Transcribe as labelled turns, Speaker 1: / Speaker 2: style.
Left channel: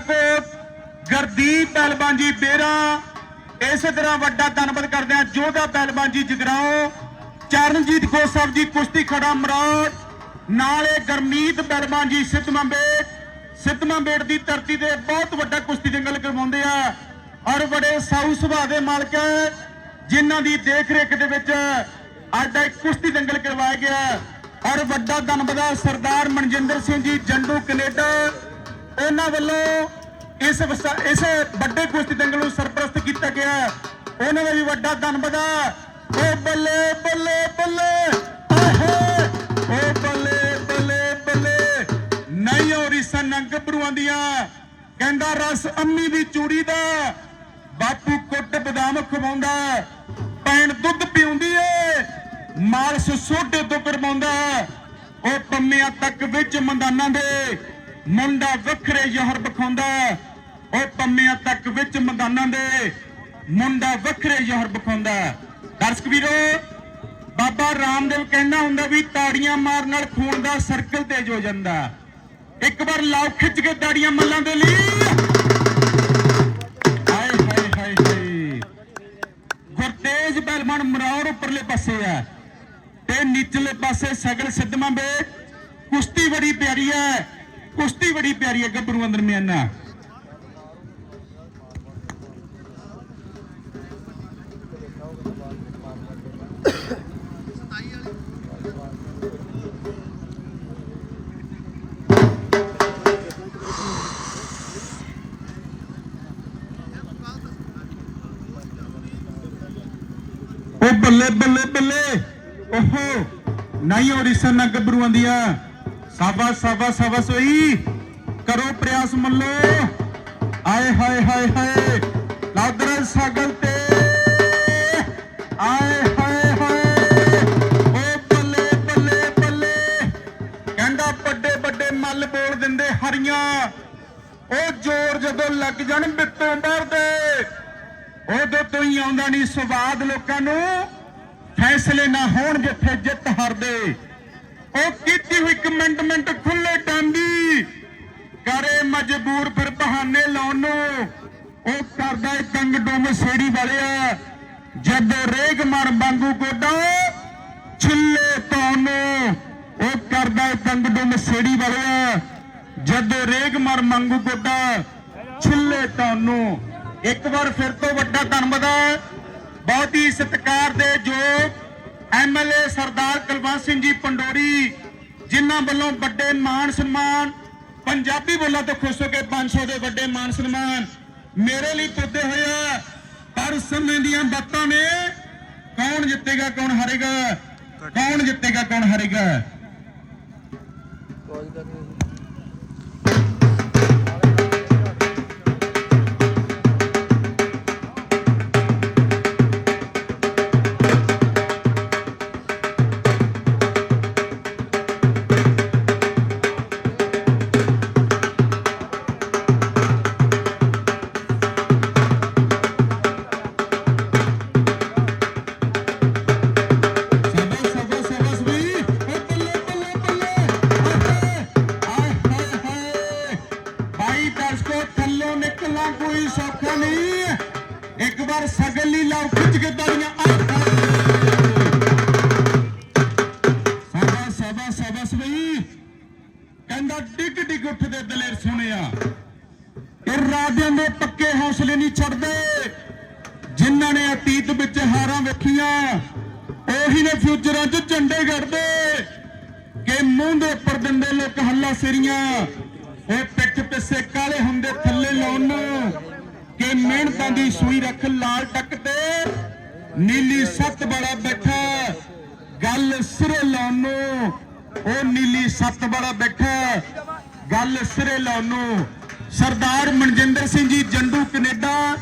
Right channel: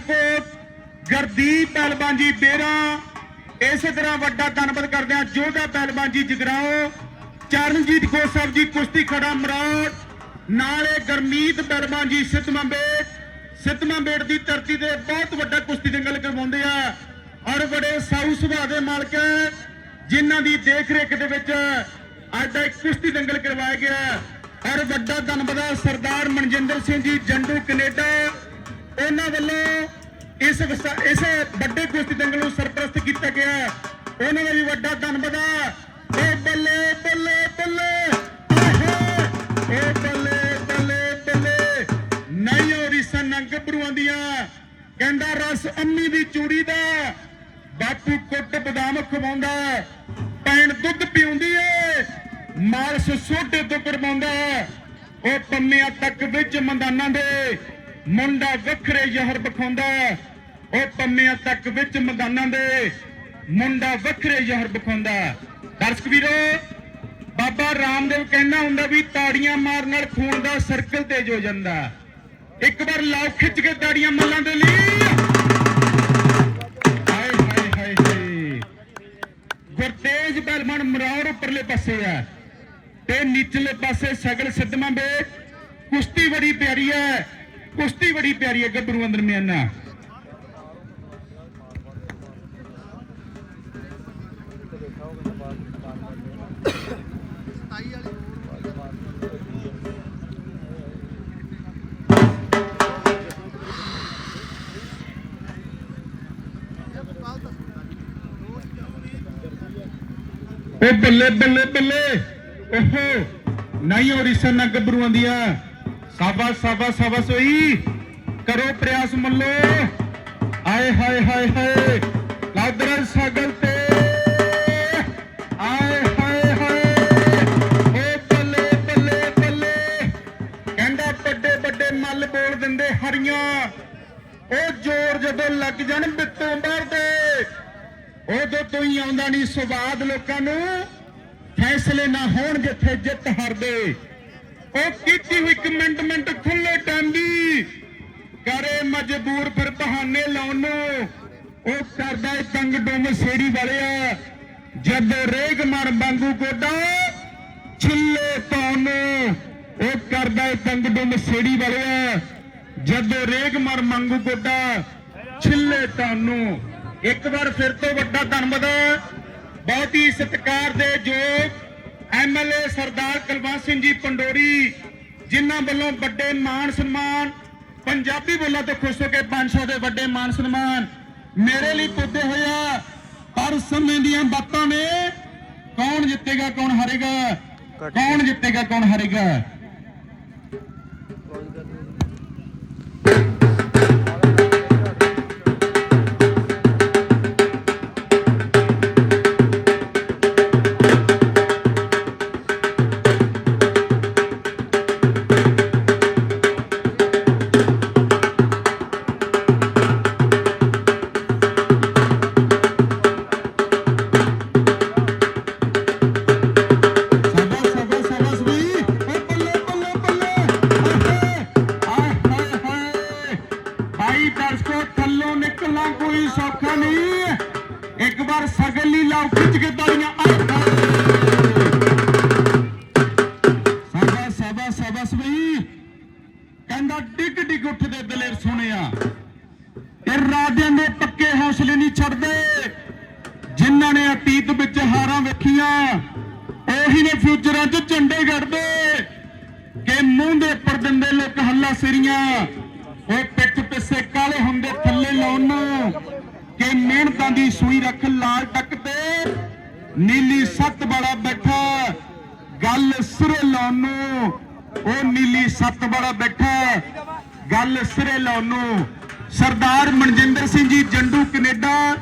Speaker 1: ਸ਼ਾਹਕੋਟ ਗਰਦੀਪ ਪਹਿਲਵਾਨ ਜੀ ਬੇਰਾ ਇਸੇ ਤਰ੍ਹਾਂ ਵੱਡਾ ਧੰਨਵਾਦ ਕਰਦੇ ਹਾਂ ਜੋਧਾ ਪਹਿਲਵਾਨ ਜੀ ਜਗਰਾਓ ਚਰਨਜੀਤ ਕੌਰ ਸਾਹਿਬ ਜੀ ਕੁਸ਼ਤੀ ਖੜਾ ਮਰਾੜ ਨਾਲੇ ਗਰਮੀਤ ਪਹਿਲਵਾਨ ਜੀ ਸਿੱਧਮਾਂਬੇਟ ਸਿੱਧਮਾਂਬੇਟ ਦੀ ਧਰਤੀ ਤੇ ਬਹੁਤ ਵੱਡਾ ਕੁਸ਼ਤੀ ਦੰਗਲ ਕਰਵਾਉਂਦੇ ਆ ਔਰ ਬੜੇ ਸਾਊ ਸੁਭਾਅ ਦੇ ਮਾਲਕ ਹੈ, ਜਿਨ੍ਹਾਂ ਦੀ ਦੇਖ ਰੇਖ ਦੇ ਵਿੱਚ ਅੱਜ ਦਾ ਕੁਸ਼ਤੀ ਦੰਗਲ ਕਰਵਾਇਆ ਗਿਆ ਔਰ ਵੱਡਾ ਧੰਨਵਾਦ ਸਰਦਾਰ ਮਨਜਿੰਦਰ ਸਿੰਘ ਜੀ ਜੰਡੂ ਕੈਨੇਡਾ। ਉਹਨਾਂ ਵੱਲੋਂ ਇਸ ਇਸ ਵੱਡੇ ਕੁਸ਼ਤੀ ਦੰਗਲ ਨੂੰ ਸਰਪ੍ਰਸਤ ਕੀਤਾ ਗਿਆ। ਉਹਨਾਂ ਦਾ ਵੀ ਵੱਡਾ ਧੰਨਵਾਦ ਹੈ ਓ ਬੱਲੇ ਬੱਲੇ ਬੱਲੇ। ਆਏ ਓ ਬੱਲੇ ਬੱਲੇ ਬੱਲੇ। ਨਹੀਂ ਹੋਰੀ ਸੰਗ ਬਰੂਆਂ ਦੀਆਂ। ਕਹਿੰਦਾ ਰਸ ਅੰਮੀ ਦੀ ਚੂੜੀ ਦਾ। ਬਾਪੂ ਕੁੱਟ ਬਦਾਮ ਖਵਾਉਂਦਾ। ਪੈਣ ਦੁੱਧ ਪੀਉਂਦੀ ਏ। ਮਾਲਸ ਸੋਡੇ ਤੋਂ ਕਰਵਾਉਂਦਾ। ਉਹ ਪੰਮਿਆਂ ਤੱਕ ਵਿੱਚ ਮੰਦਾਨਾਂ ਦੇ ਮੁੰਡਾ ਵੱਖਰੇ ਜ਼ਹਰ ਬਖਾਉਂਦਾ ਉਹ ਪੰਮਿਆਂ ਤੱਕ ਵਿੱਚ ਮੈਦਾਨਾਂ ਦੇ ਮੁੰਡਾ ਵੱਖਰੇ ਜ਼ਹਰ ਬਖਾਉਂਦਾ ਦਰਸ਼ਕ ਵੀਰੋ, ਬਾਬਾ ਰਾਮਦੇਵ ਕਹਿੰਦਾ ਹੁੰਦਾ ਵੀ ਤਾੜੀਆਂ ਮਾਰਨ ਨਾਲ ਖੂਨ ਦਾ ਸਰਕਲ ਤੇਜ਼ ਹੋ ਜਾਂਦਾ ਇੱਕ ਵਾਰ ਲਾਓ ਖਿੱਚ ਕੇ ਤਾੜੀਆਂ ਮੱਲਾਂ ਦੇ ਲਈ। ਹਾਏ ਹਾਏ ਹਾਏ ਹਾਏ। ਗੁਰਤੇਜ ਪਹਿਲਵਾਨ ਮਰਾਉਰ ਉੱਪਰਲੇ ਪਾਸੇ ਆ ਤੇ ਨੀਚਲੇ ਪਾਸੇ ਸਗਲ ਸਿੱਧਵਾਂ ਬੇ ਕੁਸ਼ਤੀ ਬੜੀ ਪਿਆਰੀ ਹੈ। ਕੁਸ਼ਤੀ ਬੜੀ ਪਿਆਰੀ ਹੈ ਗੱਭਰੂਆਂ ਦਰਮਿਆਨਾ ਉਹ ਬੱਲੇ ਬੱਲੇ ਬੱਲੇ, ਓਹੋ ਨਹੀਂ ਹੋ ਨਾ ਗੱਭਰੂਆਂ ਦੀਆਂ। ਸਾਬਾ ਸਾਬਾ ਸਾਬਾ ਸੋਈ। ਕਰੋ ਪ੍ਰਯਾਸ ਮੱਲੋ। ਆਏ ਹਾਏ ਹਾਏ ਹਾਏ। ਲਾਦਰ ਸਾਗਲ ਤੇ। ਆਏ ਹਾਏ ਹਾਏ। ਓ ਬੱਲੇ ਬੱਲੇ ਬੱਲੇ ਕਹਿੰਦਾ ਵੱਡੇ ਵੱਡੇ ਮੱਲ ਬੋਲ ਦਿੰਦੇ ਹਰੀਆਂ। ਉਹ ਜ਼ੋਰ ਜਦੋਂ ਲੱਗ ਜਾਣ ਬਿੱਤੋਂ ਮਾਰਦੇ। ਉਦੋਂ ਤੋਂ ਹੀ ਆਉਂਦਾ ਨਹੀਂ ਸਵਾਦ ਲੋਕਾਂ ਨੂੰ। ਫੈਸਲੇ ਨਾ ਹੋਣ ਜਿੱਥੇ ਜਿੱਤ ਹਾਰਦੇ। ਉਹ ਕੀਤੀ ਹੋਈ? ਕਮੈਂਟਮੈਂਟ ਖੁੱਲੇ ਟਾਂਦੀ ਕਰੇ ਮਜਬੂਰ ਫਿਰ ਬਹਾਨੇ ਲਾਉਣ ਨੂੰ। ਉਹ ਕਰਦਾ ਤੰਗ ਡੁੰਮ ਸੇੜੀ ਵਾਲਿਆ। ਜਦੋਂ ਰੇਗ ਮਰ ਵਾਂਗੂ ਕੋਡਾ ਛਿੱਲੇ ਪਾਉਣ ਉਹ ਕਰਦਾ ਏ ਤੰਗ ਡੁੰਮ ਸੇੜੀ ਵਾਲਿਆ। ਜਦੋਂ ਰੇਗ ਮਰ ਮੰਗੂ ਕੋਡਾ ਛਿੱਲੇ ਤੁਹਾਨੂੰ ਇੱਕ ਵਾਰ ਫਿਰ ਤੋਂ ਵੱਡਾ ਧੰਨਵਾਦ ਹੈ ਬਹੁਤ ਹੀ ਸਤਿਕਾਰ ਦੇ ਜੋ ਐਮਐਲਏ ਸਰਦਾਰ ਕੁਲਵੰਤ ਸਿੰਘ ਜੀ ਪੰਡੋਰੀ, ਜਿਨ੍ਹਾਂ ਵੱਲੋਂ ਵੱਡੇ ਮਾਣ ਸਨਮਾਨ, ਪੰਜਾਬੀ ਬੋਲਾਂ ਤੋਂ ਖੁਸ਼ ਹੋ ਕੇ 500 ਦੇ ਵੱਡੇ ਮਾਣ ਸਨਮਾਨ ਮੇਰੇ ਲਈ ਪੁੱਦੇ ਹੋਇਆ ਪਰ ਸਮੇਂ ਦੀਆਂ ਬਾਤਾਂ ਨੇ ਕੌਣ ਜਿੱਤੇਗਾ, ਕੌਣ ਹਾਰੇਗਾ? ਕੌਣ ਜਿੱਤੇਗਾ, ਕੌਣ ਹਾਰੇਗਾ? ਨਹੀਂ ਇੱਕ ਵਾਰ ਖਿੱਚ ਕੇ ਤਾੜੀਆਂ, ਆਏ ਹਾਏ। ਸ਼ਾਬਾਸ਼ ਸ਼ਾਬਾਸ਼ ਸ਼ਾਬਾਸ਼ ਕਹਿੰਦਾ ਡਿੱਗ ਡਿੱਗ ਉੱਠਦੇ ਦਲੇਰ ਸੁਣਿਆ ਇਹ ਦੇ ਪੱਕੇ ਹੌਸਲੇ ਨਹੀਂ ਛੱਡਦੇ। ਜਿਨ੍ਹਾਂ ਨੇ ਅਤੀਤ ਵਿੱਚ ਹਾਰਾਂ ਵੇਖੀਆਂ, ਉਹੀ ਨੇ ਫਿਊਚਰਾਂ 'ਚ ਝੰਡੇ ਗੱਡਦੇ। ਕਿ ਮੂੰਹ ਦੇ ਉੱਪਰ ਦਿੰਦੇ ਲੋਕ ਹੱਲਾ ਸਿਰੀਆਂ। ਉਹ ਪਿੱਠ ਪਿੱਛੇ ਕਾਲੇ ਹੁੰਦੇ ਥੱਲੇ ਲਾਉਣ ਨੂੰ। ਕਿ ਮਿਹਨਤਾਂ ਦੀ ਸੂਈ ਰੱਖ ਲਾਲ ਟੱਕ ਤੇ। ਨੀਲੀ ਸੱਤ ਵਾਲਾ ਬੈਠਾ। ਗੱਲ ਸਿਰੇ ਲਾਉਣ ਨੂੰ। ਉਹ ਨੀਲੀ ਸੱਤ ਵਾਲਾ ਬੈਠਾ। ਗੱਲ ਸਿਰੇ ਲਾਉਣ ਨੂੰ। ਸਰਦਾਰ ਮਨਜਿੰਦਰ ਸਿੰਘ ਜੀ ਜੰਡੂ ਕੈਨੇਡਾ।